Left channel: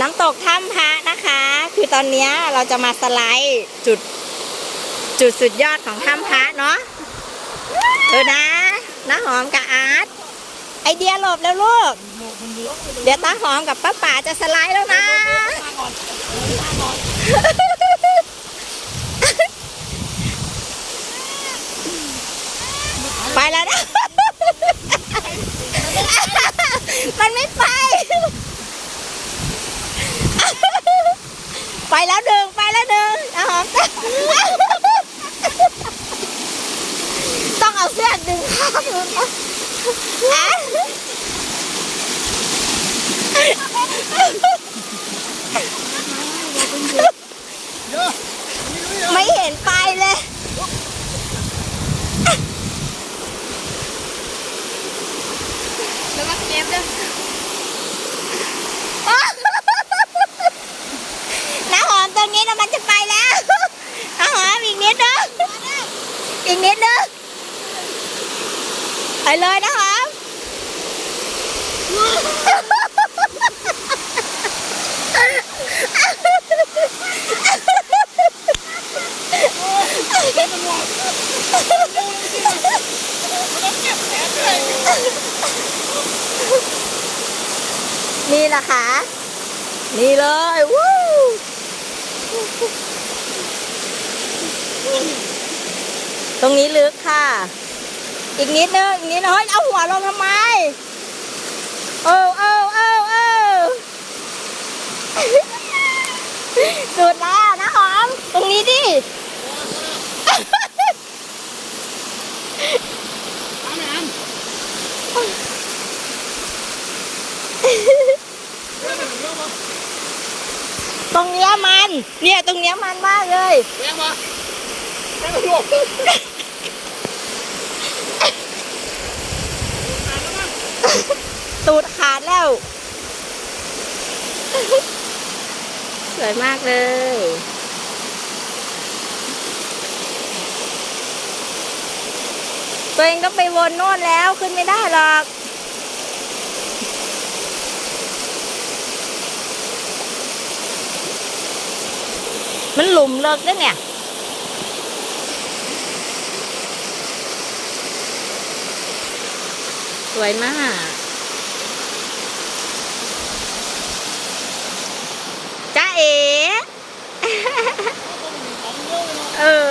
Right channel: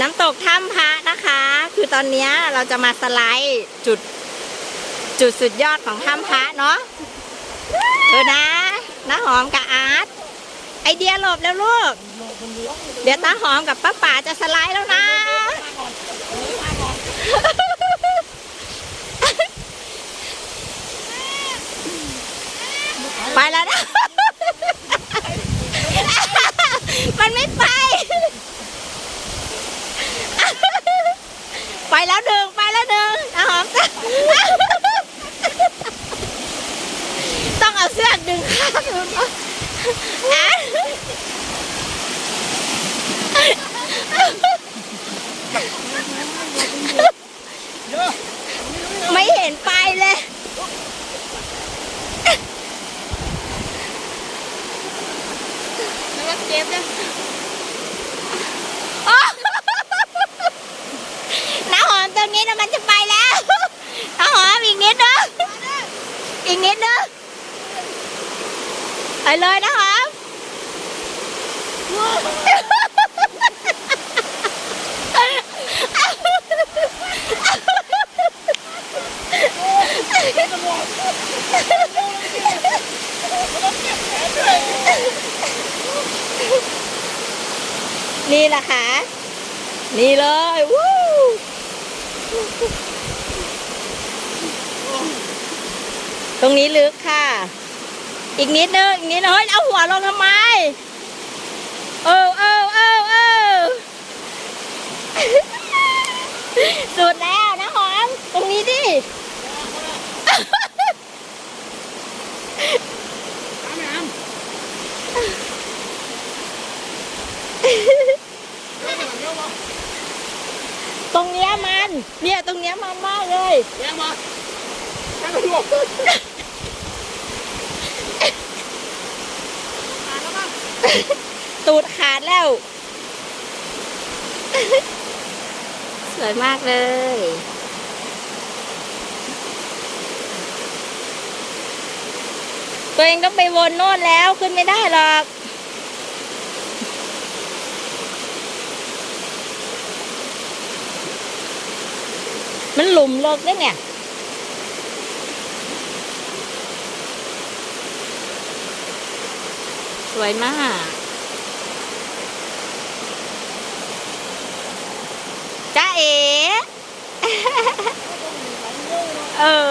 น้ำตกถ้ำพระนะคะ คือตอนนี้เราจะมาสไลด์จุดจุดสุดยอดของถ้ำพระเนาะเออนะน้าหอมกับอาร์ตไอเดียหลบแล้วลูก เดี๋ยวตาหอมกับป้าป๋าจะสไลด์แล้วนะ ไปแล้วนะ มันไม่ไปแล้วหนึ่งไปแล้วหนึ่งน้าหอม ต้องเอาเสื้อดึงข้างหนึ่งอะ ไม่เห็นไปเลย แล้วก็เก็บเลยน้าหอมตรงนี้นะมันจะไปแล้วน้าหอมอีกนิดนึงอีกนิดนึงไปเลยนะหอม นี่นะคะนี่เลยวู้ตรงนี้ลึกค่ะ อีกนิดนึงอีกนิดนึงเฮ้ยเอาหัวลงทำไมเออเออเออเออสุดแล้วนะหอม ตรงนี้ดิต รงเนี้ยมัน เนี่ยตรงเนี้ยมันมากเลยแรงมาแรงมาดูตูดขาดแล้ว สวยมากเลย ตัวเองต้องไปวนโน่นแล้วขึ้นไม่ได้หรอก มันหลุมเลิกแล้เนี่ยสวยมาก จ้าเอ๋ เออ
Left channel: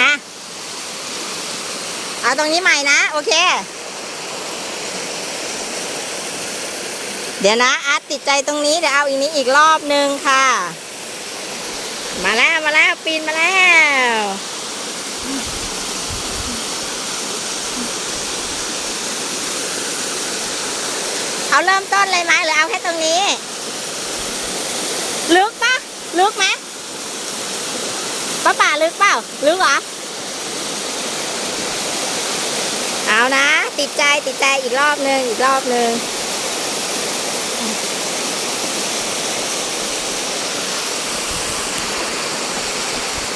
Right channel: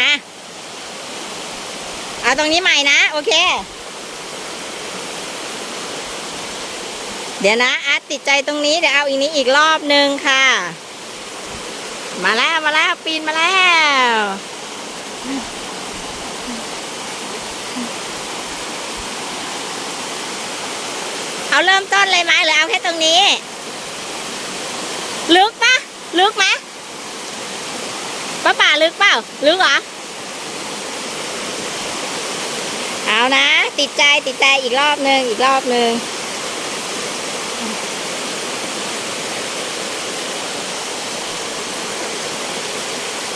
อะ เอาตรงนี้ใหม่นะ โอเค เดี๋ยวนะอาร์ตติดใจตรงนี้เดี๋ยวเอาอีกนี้อีกรอบหนึ่งค่ะ มาแล้วมาแล้วปีนมาแล้วเอาเริ่มต้นเลยไหมหรือเอาแค่ตรงนี้ ลึกปะลึกไหมป้าป่าลึกเปล่าลึกเหรอเอานะ ติดใจติดใจอีกรอบหนึ่งอีกรอบหนึ่ง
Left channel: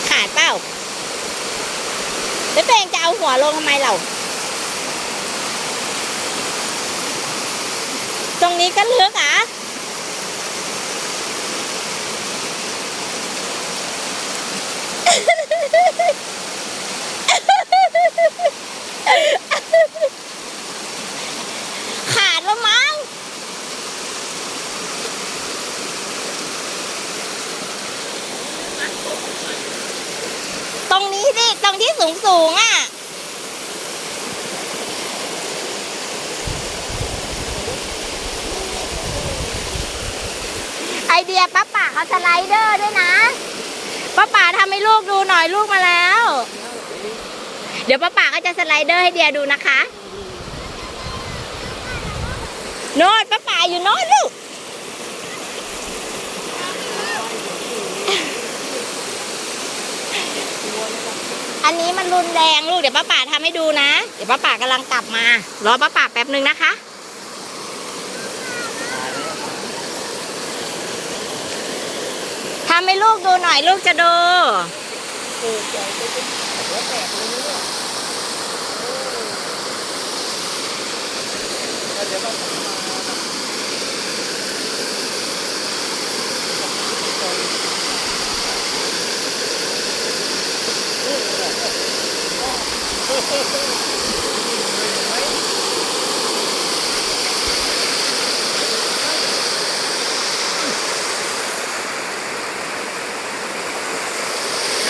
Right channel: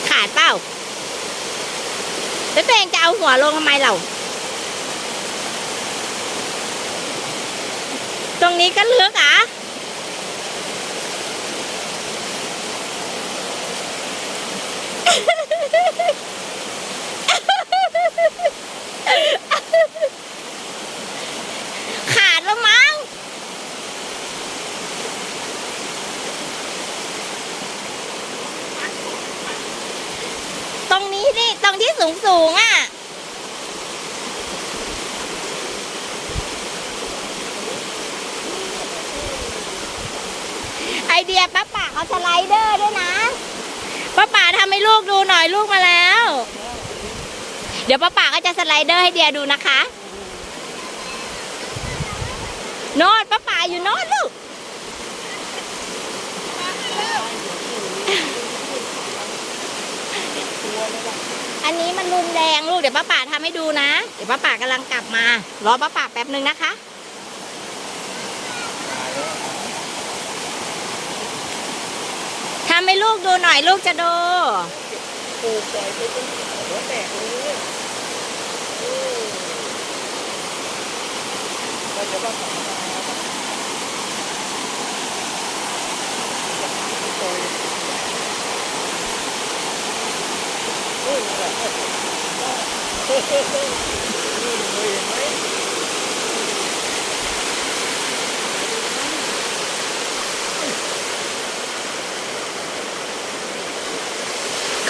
ขาดเปล่า แล้วตัวเองจะเอาหัวลงทำไมเรา ตรงนี้ก็ลึกอะ ขาดแล้วมั้ง ตรงนี้ดิ ตรงที่สูงสูงๆอะ ไอเดียป้าป่าเขาสไลเดอร์ด้วยนะป้าป่าทำให้ลูกดูหน่อยลูกมาแล้ว เดี๋ยวป้าป่าก็จะสไลเดอร์ให้เดียดูนะคะ โน่นป้าป่าอยู่โน่นลูก อันนี้มันรุนแรงลูกเดี๋ยวป้าป่าทำให้ดูนะ เดี๋ยวป้าป่ากำลังกลับมา รอป้าป่าแป๊บหนึ่งนะคะทำให้ลูกดูหน่อยลูกจะดูเดี๋ยวต้อง ข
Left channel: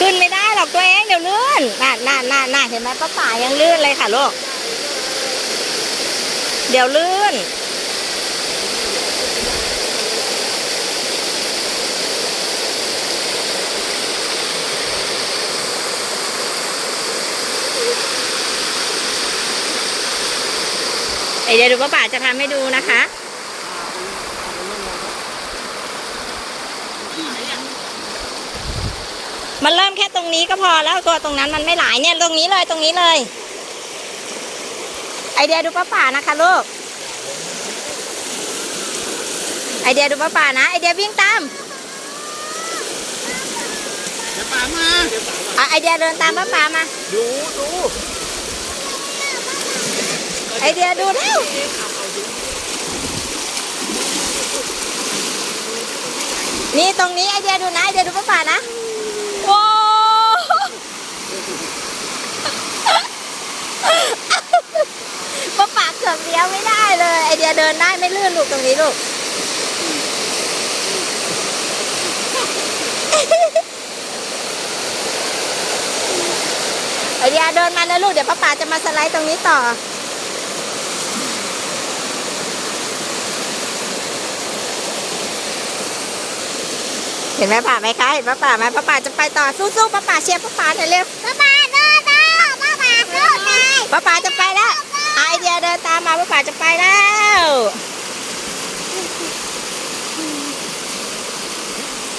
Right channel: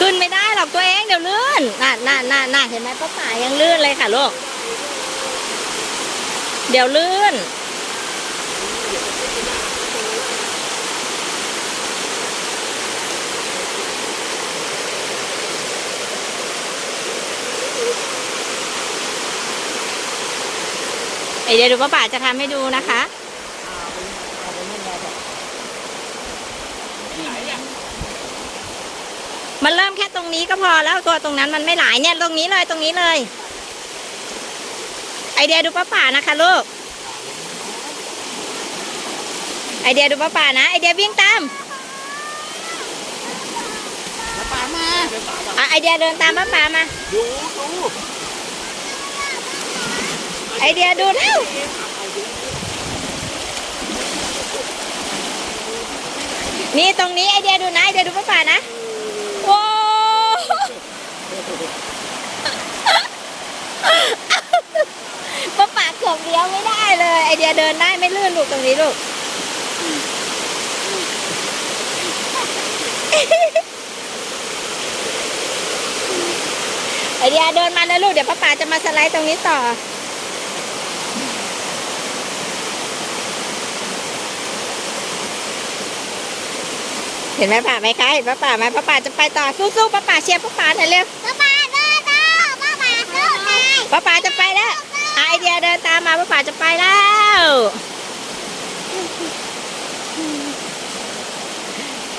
ึ้นไม่ได้หรอกตัวเองเดี๋ยวลื่นน่ะน่ะน่ะน่ะเห็นไหมป้าป่ายังลื่นเลยค่ะลูก เดี๋ยวลื่น เดี๋ยวดูป้าป่าจะทำให้ดูนะคะมันเริ่มแค่ตรงนี้ก็พอแล้วตัวตรงนั้นมันไม่หลายเนี่ยตรงนี้เลยตรงนี้เลย ไอเดียดูป้าป่านะคะลูกไอเดียดูป้าป่านะไอเดียวิ่งตามป่ามาอะไอเดียเดินตามป้าป่ามาดูดู ไอเดียดูเร็วนี่ตรงนี้ไอเดียดูนะไอเดียดูป้าป่านะโว้ป้าป่าเกือบเลี้ยวไม่ได้เลย ไอเดียเดินได้ไม่ลื่นลูกตรงนี้ลูกไอเดียเดินมาเลยลูกเดี๋ยวป้าป๋าจะมาสไลด์ตรงนี้ต่อ เห็นไหมป่าไหมคะเห็นป้าป๋าไหมป้าป๋าจะไปต่อสู้ๆป้าป๋าเชียร์ป้าป๋าหน่อยเร็วป้าป้าโดดโดดป้าป้าโดดได้ป้าป๋าจะไปแล้วอะไอเดียเดินตามมาป้าป๋าจะไปแล้ว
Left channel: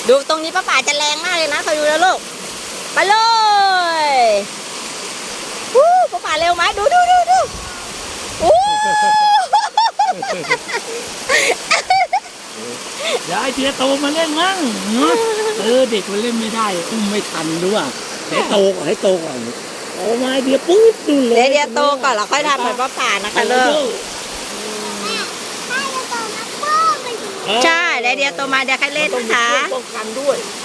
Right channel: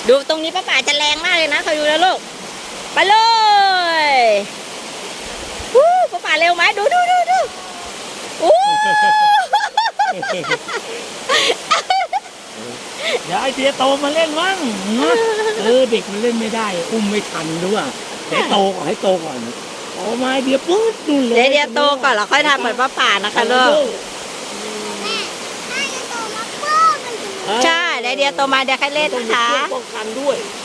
ดูตรงนี้ป้าป๋าจะแรงมากเลยนะคอยดูแล้วลูกไปเลยวู้ป้าป๋าเร็วไหมดูดูดูดูวู้ เดี๋ยวไอเดียโตมาเล่นมั่งเออเด็กมันเล่นไม่ได้ อุ้มไม่ทันด้วยให้โตก่อนให้โตก่อนโตมาไอเดียปุ๊บนู่นเลยเดี๋ยวเดี๋ยวโตก่อนเราค่อยทำเหมือนป้าป๋านะคะลูกใช่เดี๋ยวเดี๋ยวโตมาเดี๋ยวค่อยเล่นนะคะป้องกันด้วยใ